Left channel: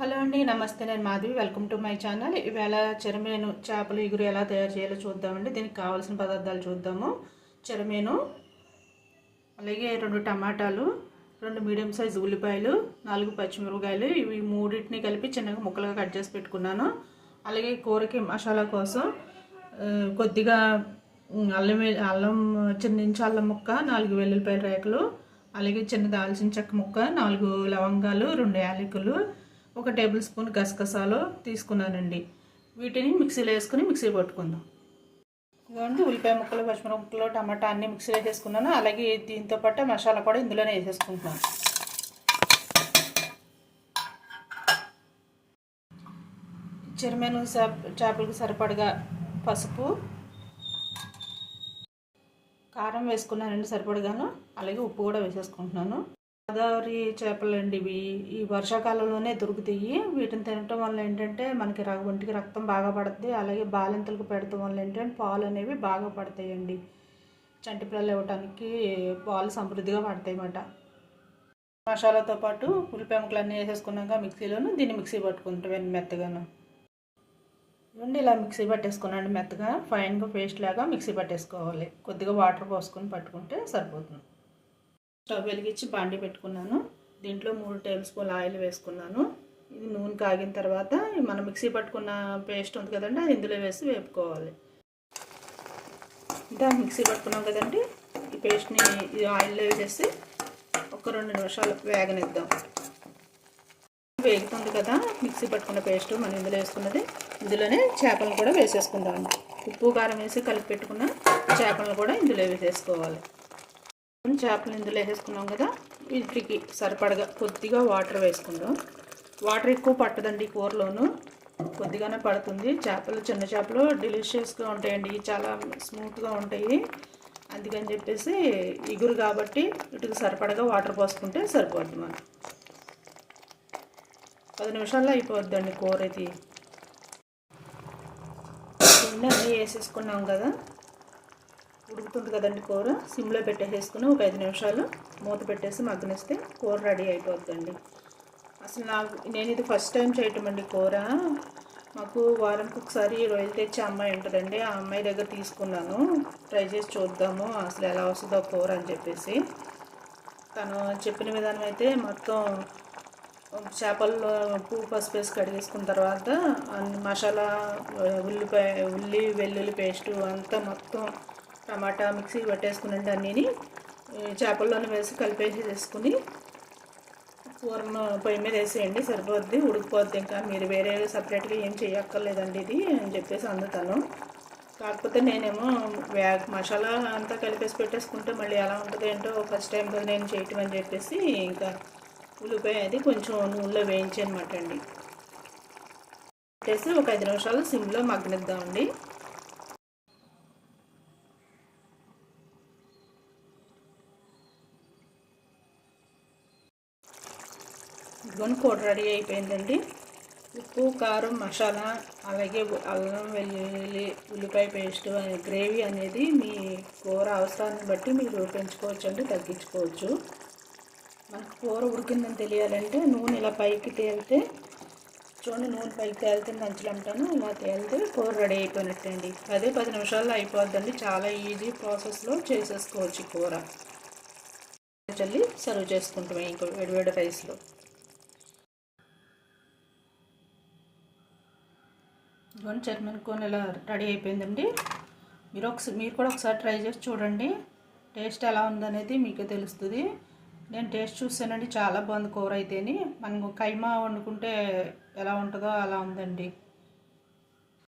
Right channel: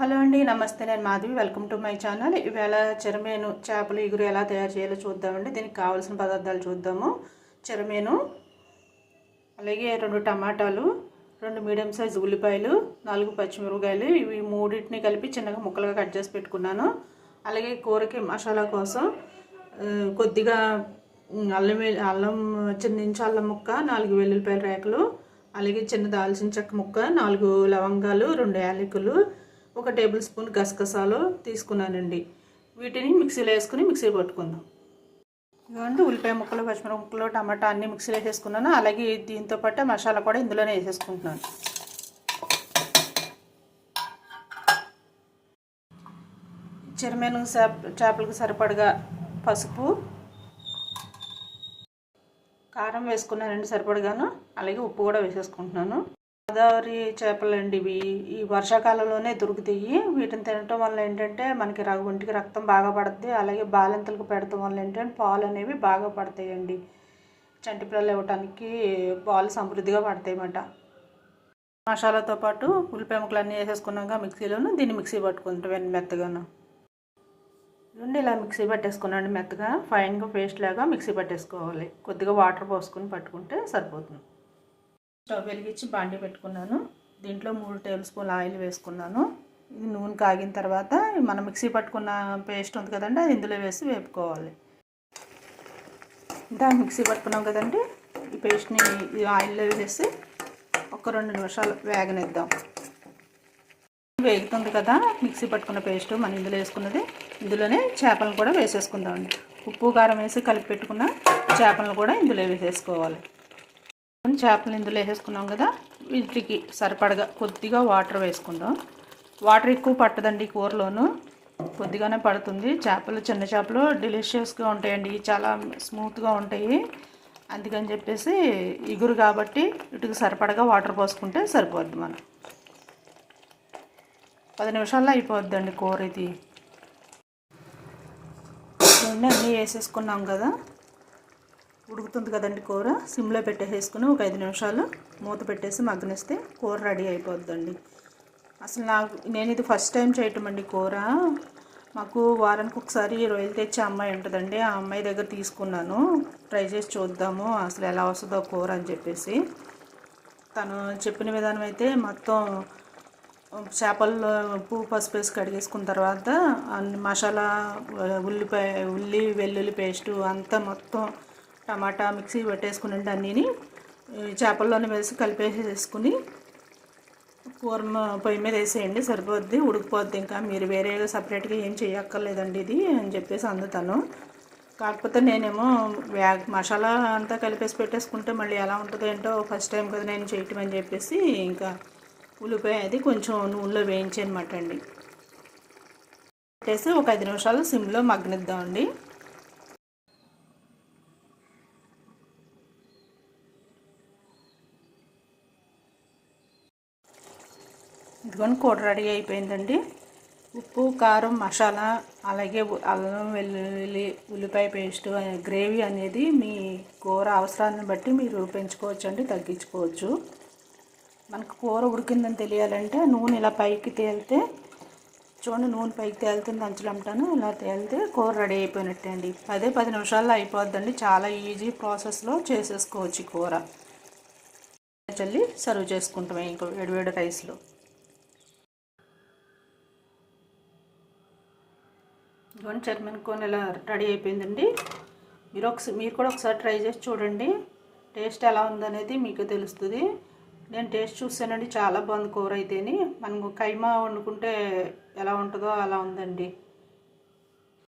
Hello అండి నమస్తే. నేను Madhavi. Welcome to my channel. ఇవాళ చెరమేను చేపలు ఇగురు ఎలా తయారు చేయాలో చూద్దామండి. దీనికి కావాల్సిన పదార్థాలు చూద్దాము. చెరమేను అలాగే రెండు టమాటాలు రెండు మీడియం సైజ్ ఉల్లిపాయలు నాలుగు పచ్చిమిరపకాయలు. ఇవి మూడింటిని కలిపి చిన్నగా ముక్కలుగా కట్ చేసి పెట్టుకున్నాను. అలాగే కూరకి మసాలా కోసం కొద్దిగా అల్లం అల్లం చిన్న అల్లం ముక్క నాలుగు వెల్లుల్లిపాయల రేకలు అలాగే చిన్న దాల్చిన చెక్క ముక్క నాలుగు లవంగాలు రెండు యాలకులు ఒక టేబుల్ స్పూన్ గసగసాలు తీసుకున్నానండి. వీటిని మిక్సీలో వేసుకుని మిక్సీ పట్టుకుందాం. ఇదిగోండి ఉల్లిపాయ ముక్కలు పచ్చిమిరప ముక్కలు టమాటా అన్ని మిక్సీలో వేసేసుకున్నాను. అలాగే దీంతో పాటు మసాలా కూడా ఇందులోనే వేసేసుకుంటున్నాను. చెరమేను చేప చేపలకు సరిపడగా పసుపు కారం వేసుకున్నానండి సరిపడగాను. అలాగే ఉప్పు కూడా వేసేసుకుంటున్నాను. గోదావరి చేపలండి ఇవి ఈ వర్షాకాలంలోనే దొరుకుతాయి. వీటిని తినటం వల్ల ఏంటంటే మనకి రగ ఒంటికి రక్తం బాగా పడుతుంది అలాగే బాలింతలకు పెడతాం వల్ల ఏంటంటే పాలు అనేవి బాగా పడతాయండి. చంటి పిల్లలు ఇవ్వటానికి పాలు సమృద్ధిగా పడతాయి అన్నమాట మసాలాతో పాటు ఉల్లిపాయ ముక్కలు అన్నీ వేసేసుకున్నాక మిక్సీలోను దీన్ని మిక్సీ పట్టుకుంటాం మెత్తగాను. ఉండి ఇలా మిక్సీ పట్టేసుకున్నాను మెత్తగా. ఫైన్గా పేస్ట్ లాగా మిక్సీ పట్టేసుకోవాలి. కొద్దిగా వాటర్ పోసుకొని పట్టుకుంటే సరిపోతుంది. స్టవ్ వెలిగించి బాండి పెట్టుకున్నాను. దీంట్లో మూడు టేబుల్ స్పూన్ ఆయిల్ వేసుకున్నాను. ఇది నూనె కాగిన తర్వాత మనం మిక్సీ పట్టుకున్న పేస్ట్ ఉంది కదండి అది ఇందులో వేసి వేపుకోవాలి. ఇంకా మిక్సీ పట్టుకున్నాం కదండి ఈ పేస్ట్ని ఈ ఆయిల్లో వేసేసి ఒక రెండు నిమిషాలు వేగనిద్దాం. వేగుతుంది కదా మిక్సీ పట్టుకున్న పేస్ట్ మనం ఇందులో వేసుకున్నది. ఇందులోనే చేపలను కూడా వేసేసుకుందామండి. ఉప్పు కారం వేసి కలిపి పెట్టుకున్న చేపలను కూడా ఇందులో వేసేసుకోవాలి. చేపలు ఇందులో వేసేసుకున్నాం కదా. వీటికి సరిపడగా కొద్దిగా వాటర్ వేసుకుందాం. వాటర్ ఎక్కువ పట్టదండి కూరలోను. కొద్దిగానే పడుతుంది. చేపలు చిన్న చేపలు డెలిషియస్గా ఉంటాయండి. చాలా స్మూత్గా ఉంటాయి. అందుకని చెప్పేసి ఇగురు కాబట్టి వీటికి సరిపడగా వాటర్ పోసుకుంటే సరిపోద్ది మనం పది నిమిషాల్లో అయిపోద్దండి కూర ఇది. అన్నీ వేసేసుకున్నాం కదా. ఉడుకుతుంది కదండి కూర. సిమ్లో పెట్టేసేసుకుని ఒక ఐదు నిమిషాలు మూత పెట్టేసి మగ్గనిస్తే కూర రెడీ అయిపోద్దండి. అసలు నాకు నేను ఇది ఫస్ట్ టైం చేయటం అండి కూర. మాకు వారానికి ఒకసారి రొయ్యలు తెచ్చే అమ్మాయి ఉంటుందండి. ఆ అమ్మాయి దగ్గర తీసుకున్నాను. ట్రై చేసి చూద్దాము అసలు ఎలా వస్తుందో కూర అని చెప్పేసి. తను చెప్పిన విధానం అయితే మొత్తం చేపలు ఉప్పు పసుపు వేసి కడిగేసుకున్న తర్వాత అన్ని మసాలా ఉల్లిపాయ ఉల్లి వెల్లుల్లి పేస్టు అంతా మొత్తం టమాటా మిక్సీ పెట్టేసుకుని అన్నీని చేపల్లోనే వేసి కలిపేసేసుకుని కూర పొయ్యి మీద వేసేయండి సరిపోద్ది ఉడికిపోద్ది ఇంకా. మీరు వేరే సపరేట్గా ఏం చేయక్కర్లేదండి ఇది అని చెప్పేసి అందుతాను. కాకపోతే నేనేమో వ్యాగ్ మసాలా అంతా కలిపేసి పెట్టేసుకుంటే మళ్ళీ ఎలా ఉంటుందో ఏంటో ఫస్ట్ టైం కదా నేను చేయటం అని చెప్పేసి ఇంకా ఉల్లిపాయ అది కొంచెం నూనెలో వేయించనమాట అండి. వేసి ఒక ఐదు నిమిషాలు సిమ్లో మగ్గనిద్దామండి. ఇదిగోని కూర రెడీ అయిపోయిందండి. ఉప్పు కారం మసాలా అలాగే అల్లం వెల్లుల్లి ఉల్లిపాయ పేస్ట్ గ్రేవీ అనేది మీ కూర అవసరాన్ని బట్టి మీరు పెంచుకోవచ్చు అండి తగ్గించుకోవచ్చు. మనకు కూర ఉడికిందని తెలియాలంటే నూనె ఇలా పైకి తేలితే చూడండి నూనె పైకి తేలుతుంది అంచులు అంటాను ఇలా తేలితే కూర రెడీ అయిపోయినట్టే అండి. అదే పది నిమిషాల్లో అయిపోద్దండి చాలా ఈజీ ప్రాసెస్లో చేసేసుకోవచ్చు కూర. చల్లి సర్వ్ చేసుకుంటాం ఇంకో వేడివేడి రైస్లో. ఇదిగోండి చర్మన్ కోన్ ఇలా రెడీ అయిపోయిందండి. మీరు ఒకసారి మీరు కూడా ఒకసారి ట్రై చేసి చూడండి. టేస్ట్ ఎలా ఉందనేది మీకు తెలుస్తుంది. నేను టేస్ట్ చూసానండి చాలా బాగుంది కూర అయితేని. మనం కైమా వండుకుంటే ఎలా ఉంటుందో అలా ఉందండి.